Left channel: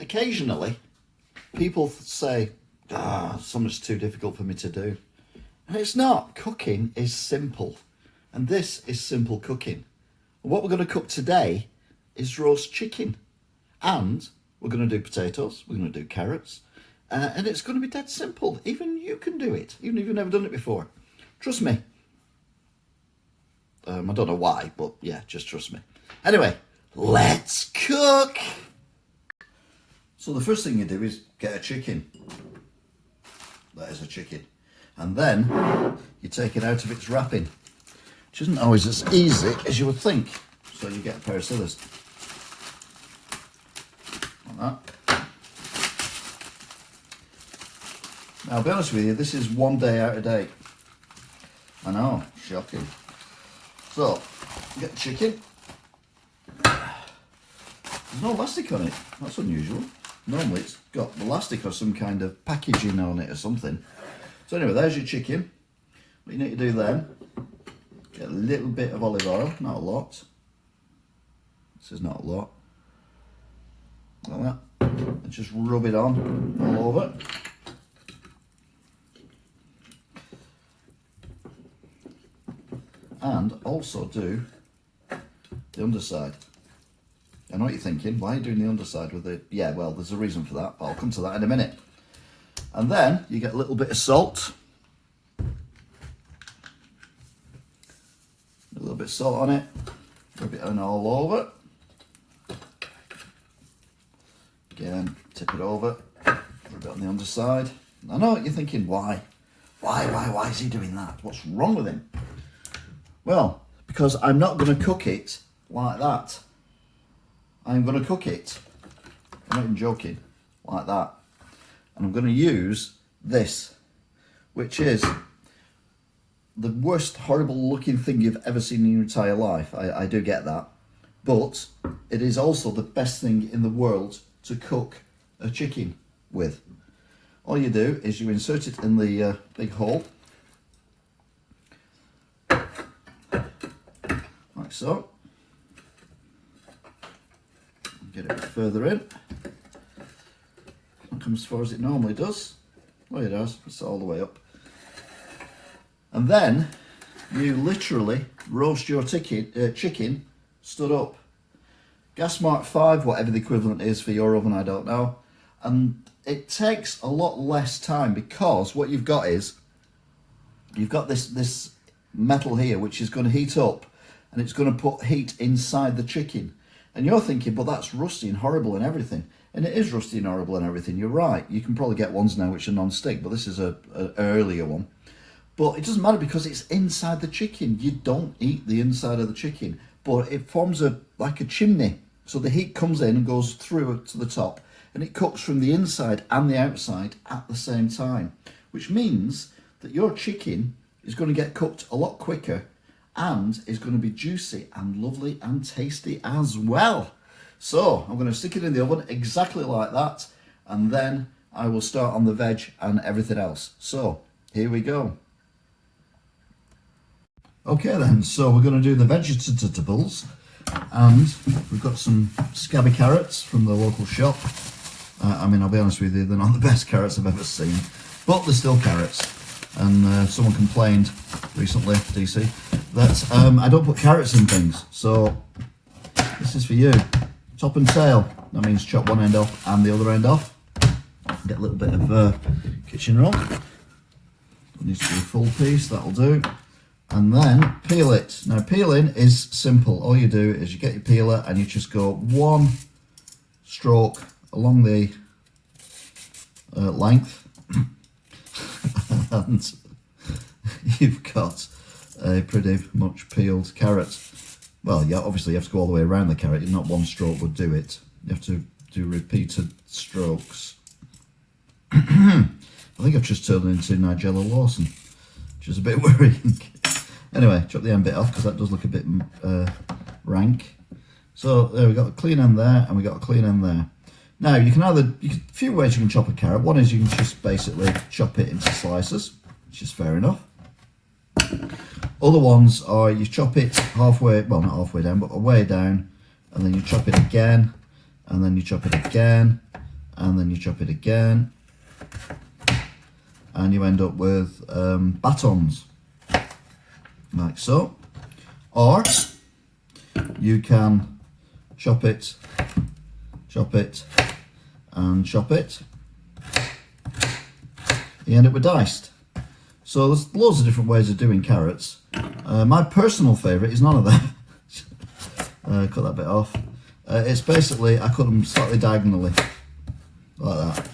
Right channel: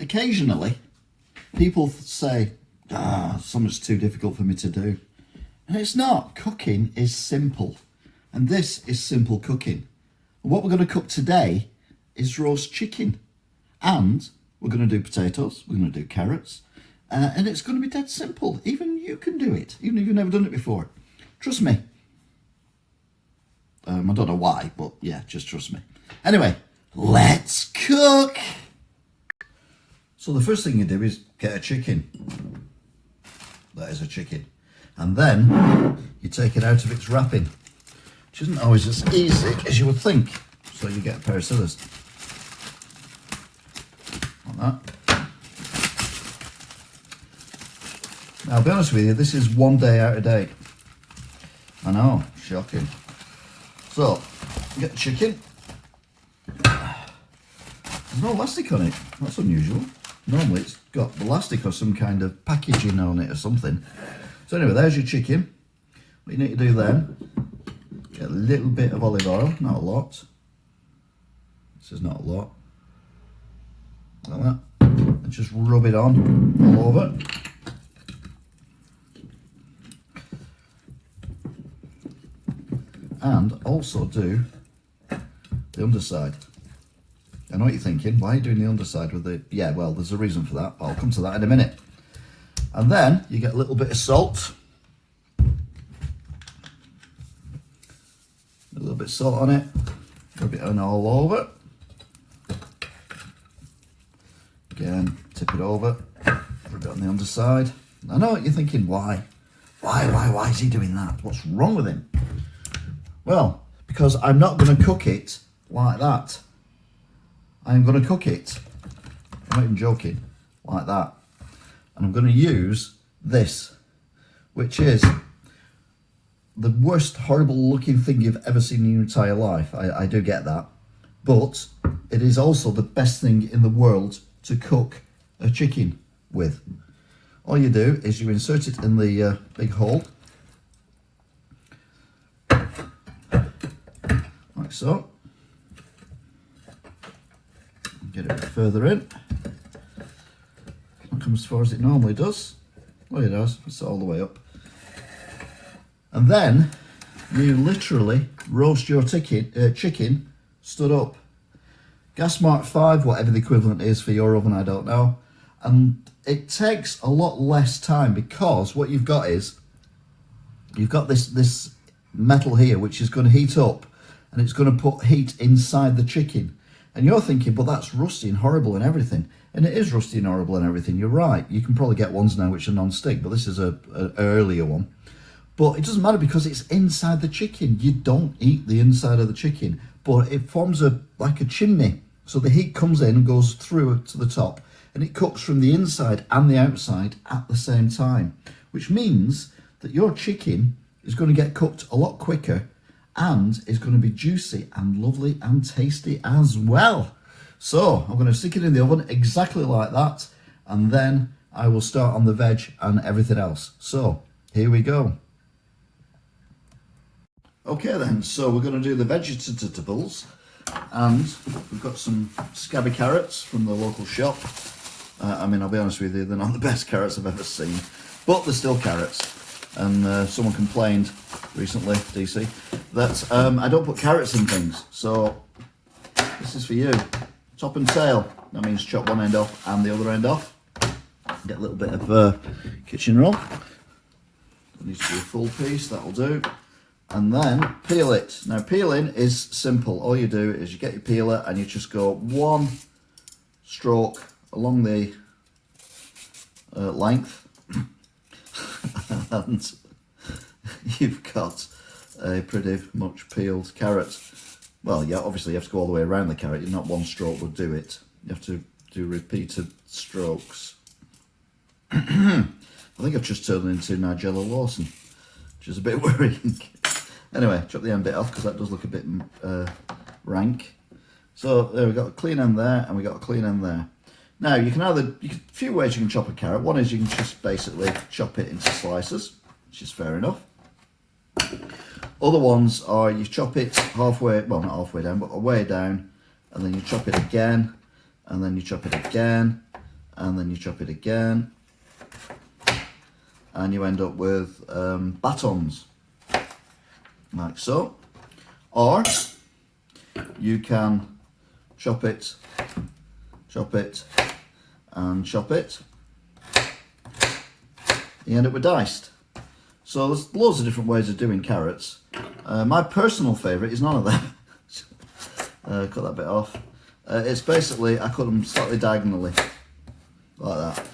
occasionally people say, something's too difficult for me to do. And it's not. Cooking is simple. And this is simple cooking. And what we're going to cook today is roast chicken. And we're going to do potatoes, we're going to do carrots, and it's going to be dead simple. Even you can do it, even if you've never done it before. Trust me. I don't know why, but yeah, just trust me. Anyway, let's cook. So the first thing you do is get a chicken. That is a chicken. And then you take it out of its wrapping, which isn't always as easy as you would think. So you get a pair of scissors. Like that. Now, I'll be honest with you, this is 1 day out of date. I know, shocking. So, get the chicken. There's no elastic on it. That's unusual. Normally it's got elastic or some kind of packaging on it or something. So anyway, there's your chicken. What you need to do then, get a little bit of olive oil, not a lot. This is not a lot. Like that. And just rub it on all over. And also do the underside. I know what you're thinking, why are you doing the underside with the... Yeah, well, there's a reason for that, but I'll come to that in a minute. And then you get a little bit of salt. A little bit of salt on it. Rub it on all over. Again, tip it over. Rub it on the underside. I know what you're thinking, why? Why is he doing that? What's wrong with him? Well, because I'm not going to cook it like that. I'm going to cook it, I'm not even joking, like that. And I'm going to use this, which is the worst horrible looking thing you've ever seen in your entire life. I do get that. But it is also the best thing in the world to cook a chicken with. All you do is you insert it in the big hole. Like so. Get it a bit further in. Not come as far as it normally does. Well, it does. It's all the way up. And then you literally roast your chicken stood up. Gas mark 5, whatever the equivalent is for your oven, I don't know. And it takes a lot less time because what you've got is you've got this metal here which is going to heat up and it's going to put heat inside the chicken. And you're thinking, but that's rusty and horrible and everything. And it is rusty and horrible and everything. You're right. You can probably get ones now which are non-stick, but this is an earlier one. But it doesn't matter because it's inside the chicken. You don't eat the inside of the chicken, but it forms like a chimney. So the heat comes in and goes through to the top, and it cooks from the inside and the outside at the same time, which means that your chicken is going to get cooked a lot quicker and it's going to be juicy and lovely and tasty as well. So I'm going to stick it in the oven exactly like that, and then I will start on the veg and everything else. So here we go. Okay then, so we're going to do the vegetables, and we've got some scabby carrots from the local shop. I mean, I'll be honest with you, they're not the best carrots I've ever seen, but they're still carrots. And someone complained recently, DC, that I don't put carrots in things. So this is for you. Top and tail. That means chop one end off and the other end off. Get a little bit of kitchen roll. It needs to be a full piece, that'll do. And then peel it. Now peeling is simple. All you do is you get your peeler and you just go one stroke along the length. And you've got a pretty much peeled carrot. Well, yeah, obviously you have to go all the way around the carrot. Not one stroke would do it. You have to do repeated strokes. I think I've just turned into Nigella Lawson, which is a bit worrying. Anyway, chop the end bit off because that does look a bit rank. So there we've got a clean end there and we've got a clean end there. Now, you can a few ways you can chop a carrot. One is you can just basically chop it into slices, which is fair enough. Other ones are you chop it halfway, well not halfway down, but a way down, and then you chop it again, and then you chop it again, and then you chop it again, and you end up with batons, like so. Or you can chop it, and chop it. You end up with diced. So there's loads of different ways of doing carrots. My personal favourite is none of them. Cut that bit off. It's basically, I cut them slightly diagonally, like that.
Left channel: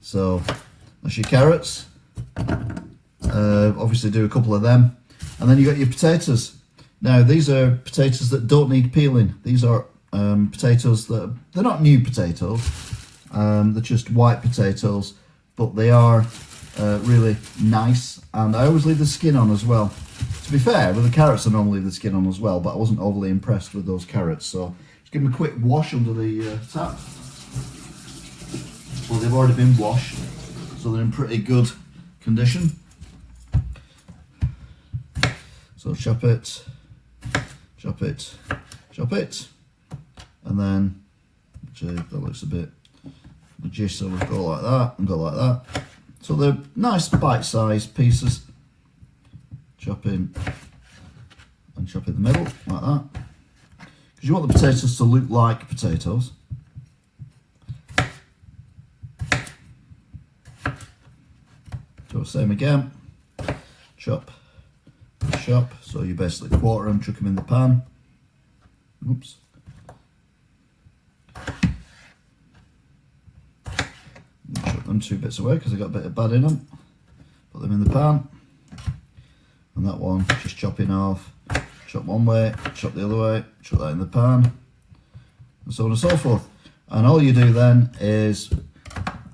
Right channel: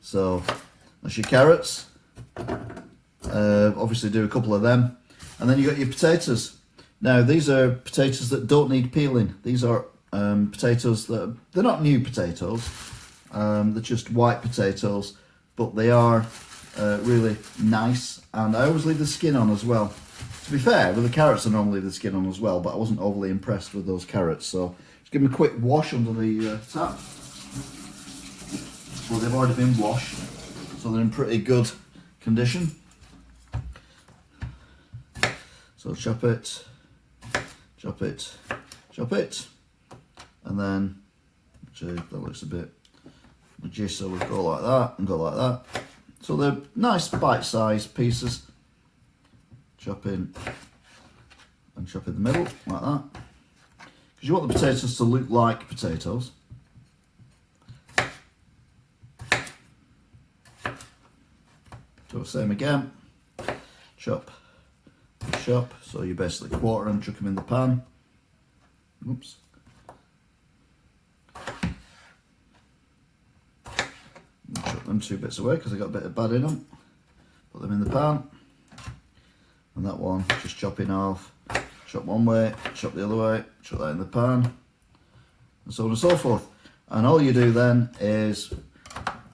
So that's your carrots. Obviously do a couple of them. And then you got your potatoes. Now these are potatoes that don't need peeling. These are potatoes that, they're not new potatoes. They're just white potatoes, but they are really nice. And I always leave the skin on as well. To be fair, with the carrots I normally leave the skin on as well, but I wasn't overly impressed with those carrots. So just give them a quick wash under the tap. Well, they've already been washed, so they're in pretty good condition. So chop it, and then that looks a bit tjis, so we'll go like that and go like that. So they're nice bite-sized pieces. Chop in and chop in the middle like that, because you want the potatoes to look like potatoes. So same again, chop, so you basically quarter them, chuck them in the pan. Oops. Chuck them 2 bits away because they got a bit of bad in them. Put them in the pan. And that one, just chopping off, chop one way, chop the other way, chuck that in the pan, and so on and so forth. And all you do then is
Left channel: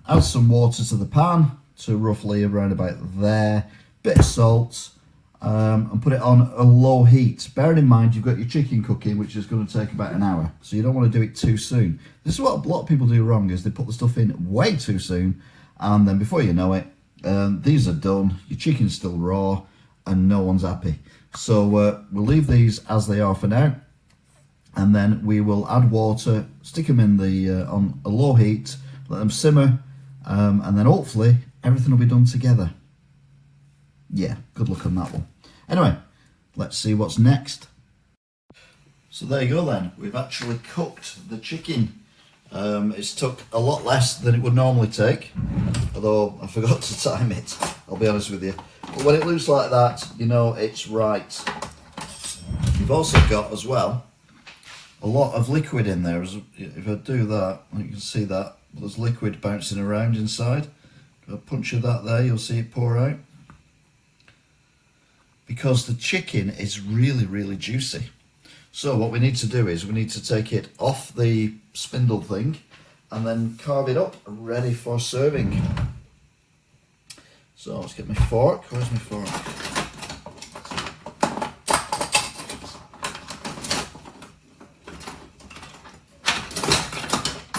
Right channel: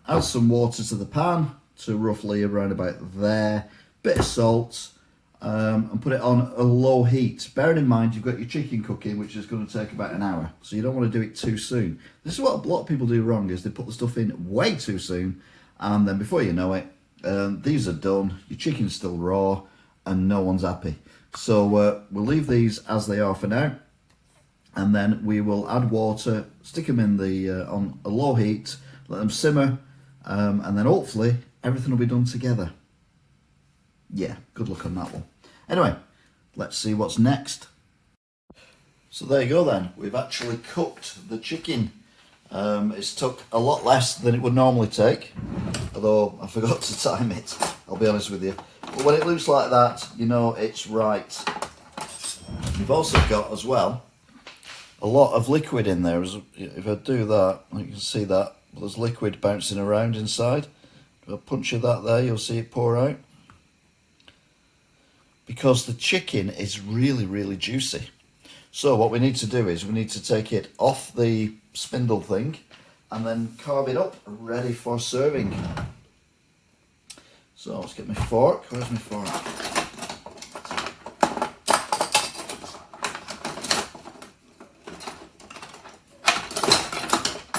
add some water to the pan to roughly around about there, bit of salt, and put it on a low heat. Bearing in mind you've got your chicken cooking, which is going to take about an hour, so you don't want to do it too soon. This is what a lot of people do wrong, is they put the stuff in way too soon, and then before you know it, these are done, your chicken's still raw, and no one's happy. So we'll leave these as they are for now, and then we will add water, stick them in the on a low heat, let them simmer, and then hopefully everything will be done together. Yeah, good luck on that one. Anyway, let's see what's next. So there you go then, we've actually cooked the chicken. It's took a lot less than it would normally take, although I forgot to time it, I'll be honest with you. But when it looks like that, you know it's right. You've also got as well a lot of liquid in there. If I do that, you can see that there's liquid bouncing around inside. If I puncture that there, you'll see it pour out. Because the chicken is really, really juicy. So what we need to do is we need to take it off the spindle thing and then carve it up ready for serving. So let's get my fork. Where's my fork?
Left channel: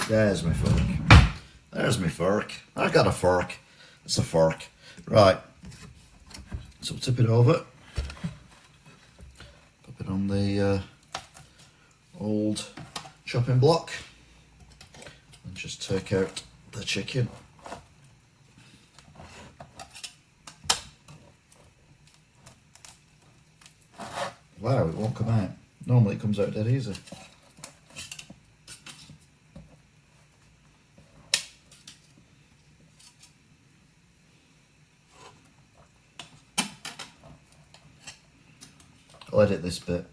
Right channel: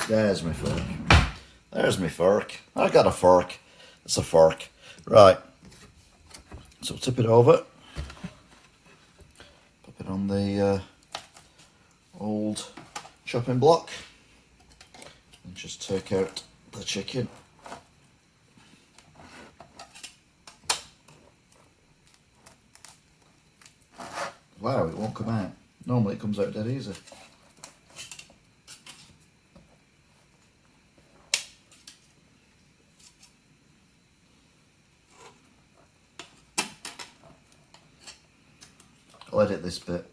There's my fork. There's my fork. I got a fork. It's a fork. Right. So we'll tip it over. Pop it on the old chopping block. And just take out the chicken. Wow, it won't come out. Normally it comes out dead easy. I'll edit this bit.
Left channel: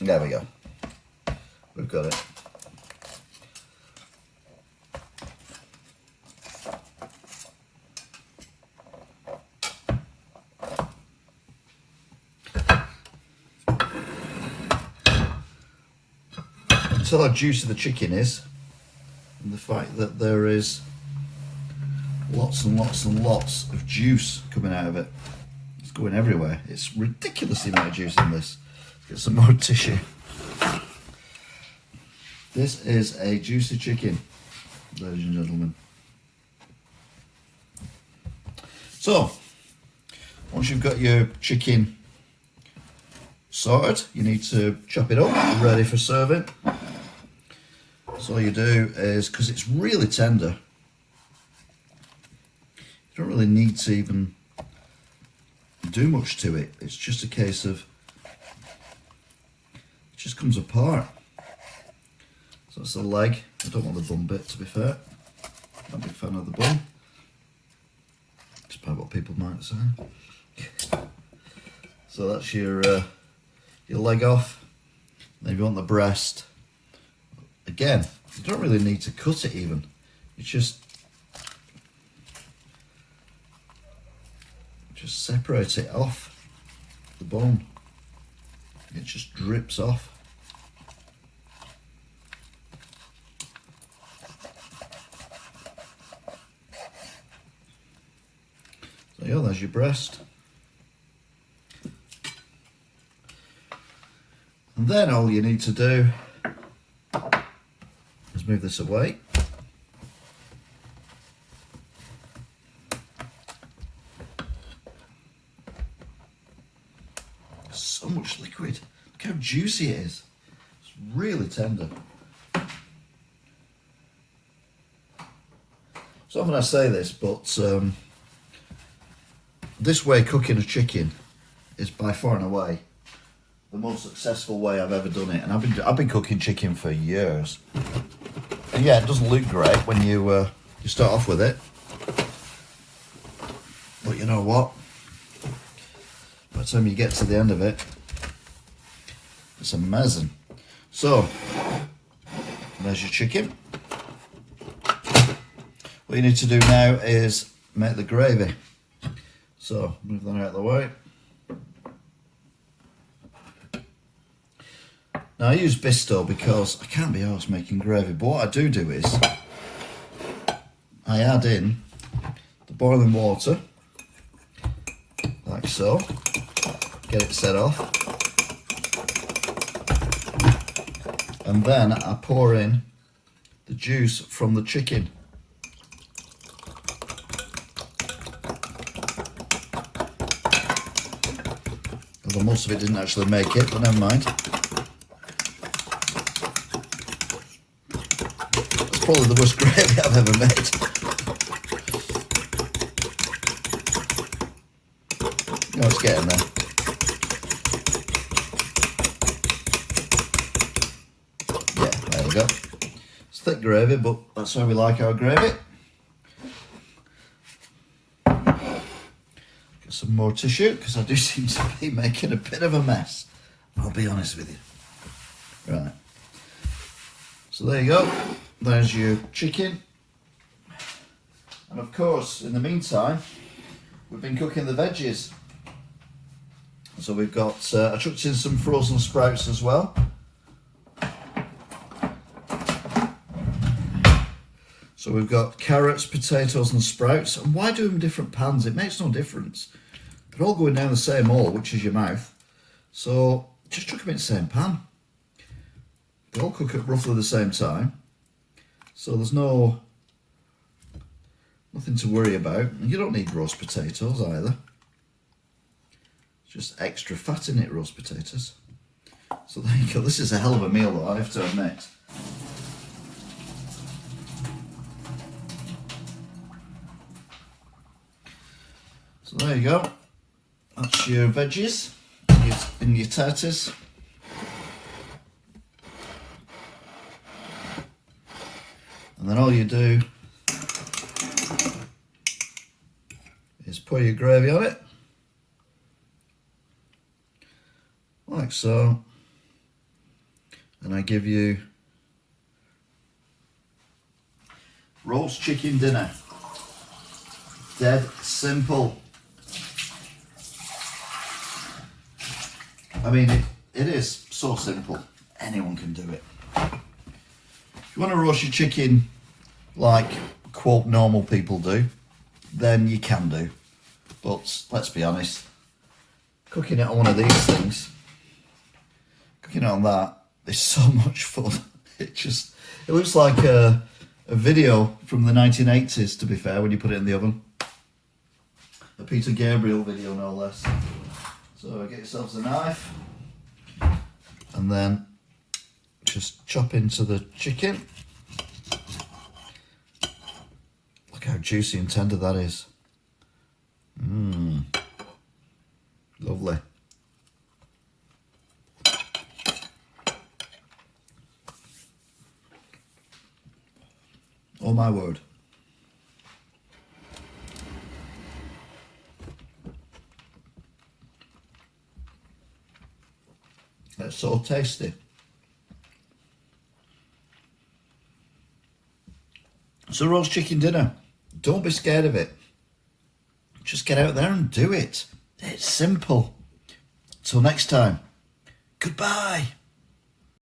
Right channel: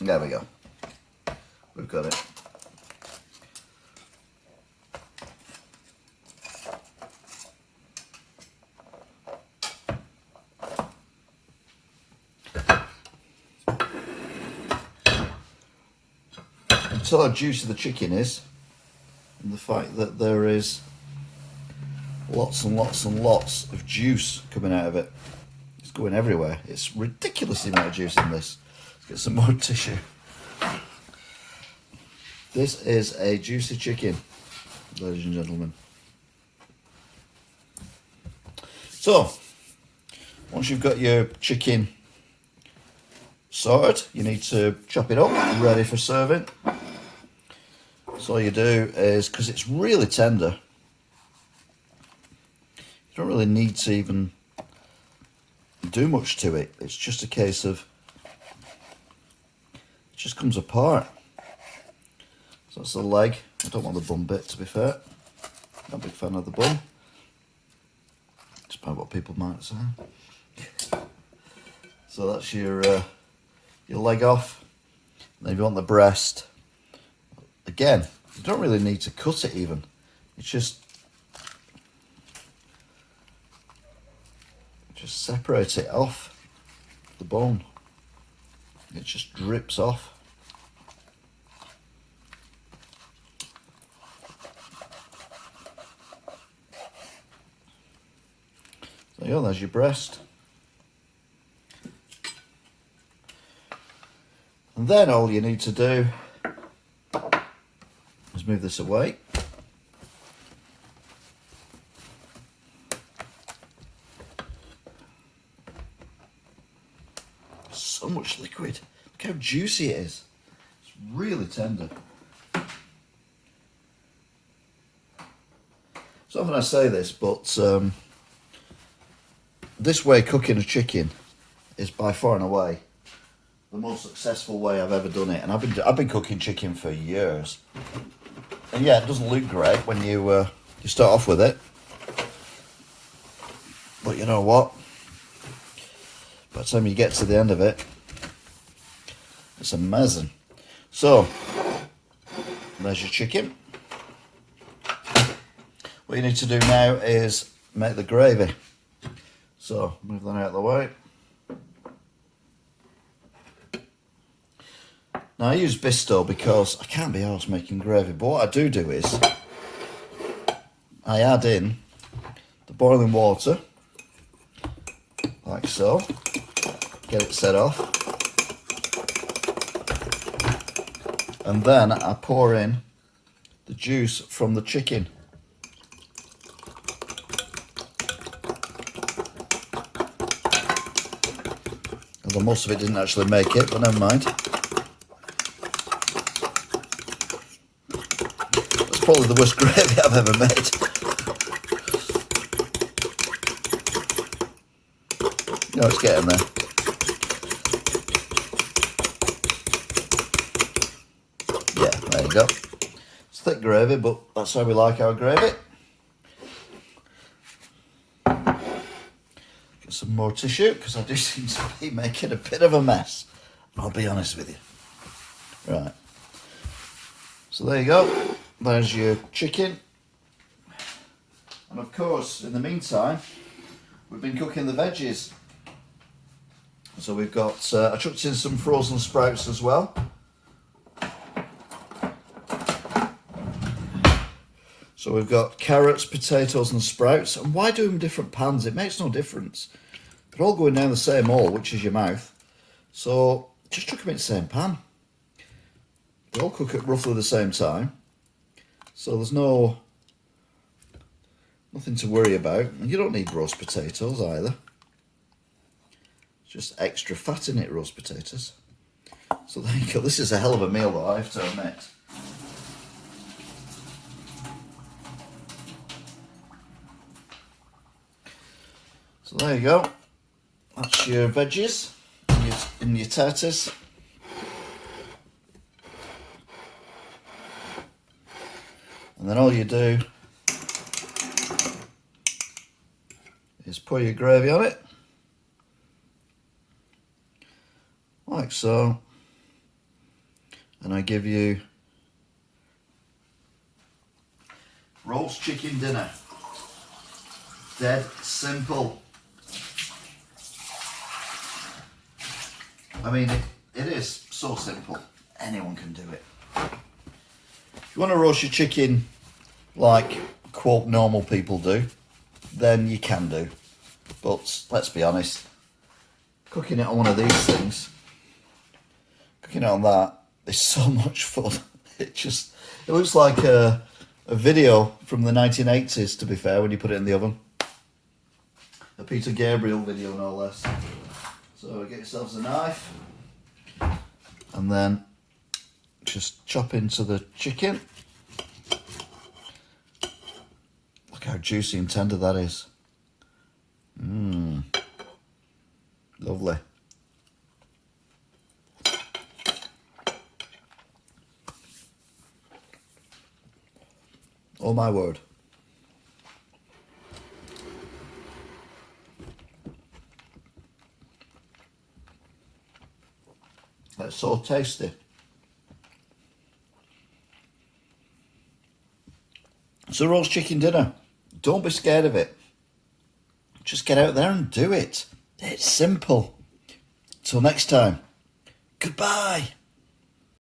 There we go. We've got it. Until how juicy the chicken is, and the fact that there is lots and lots and lots of juice coming out of it. It's going everywhere. It's ridiculous the amount of juice in this. Let's get some more tissue. This is a juicy chicken, ladies and gentlemen. So, once you've got your chicken sorted. You need to chop it up, ready for serving. So all you do is, because it's really tender, you don't really need to even do much to it. It's just a case of, it just comes apart. So that's the leg. I don't want the bum bit, to be fair. Not a big fan of the bum. Despite what people might say. So that's your leg off. Then if you want the breast, again, you don't really need to cut it even. It's just separate it off the bone. It just drips off. So yeah, there's your breast. And then all you need to do is move this away. So much liquid. Look how juicy it is. It's really tender. So often I say this, but this way cooking a chicken is by far and away the most successful way I've ever done it. And I've been cooking chicken for years. And yeah, it doesn't look great when you start off with it. But you know what? By the time you get to the end of it, it's amazing. So, there's your chicken. What you need to do now is make the gravy. So, move that out of the way. Now, I use Bisto because I can't be arsed making gravy, but what I do is I add in the boiling water, like so, get it set off, and then I pour in the juice from the chicken. Although most of it didn't actually make it, but never mind. That's probably the worst gravy I've ever made. Oh, it's getting there. Yeah, there you go. It's thick gravy, but that's how we like our gravy. Get some more tissue, because I do seem to be making a bit of a mess. I'll be honest with you. Right. So there you go. There's your chicken. And of course, in the meantime, we've been cooking the veggies. So we've got, I chucked in some frozen sprouts as well. So we've got carrots, potatoes and sprouts. And why do them in different pans? It makes no difference. They're all going down the same hole, which is your mouth. So just chuck them in the same pan. They all cook at roughly the same time. So there's nothing to worry about. And you don't need roast potatoes either. Just extra fat in it, roast potatoes. So there you go. This is a hell of a meal though, I have to admit. So there you go. That's your veggies in your taters. And then all you do is pour your gravy on it. Like so. And I give you roast chicken dinner. Dead simple. I mean, it is so simple. Anyone can do it. If you want to roast your chicken like, quote, normal people do, then you can do. But let's be honest, cooking it on one of these things, cooking it on that is so much fun. It looks like a video from the 1980s, to be fair, when you put it in the oven. A Peter Gabriel video, no less. So get yourselves a knife. And then just chop into the chicken. Look how juicy and tender that is. Lovely. Oh my word. That's so tasty. It's a roast chicken dinner. Don't be scared of it. Just get out there and do it. It's simple. Till next time. Goodbye.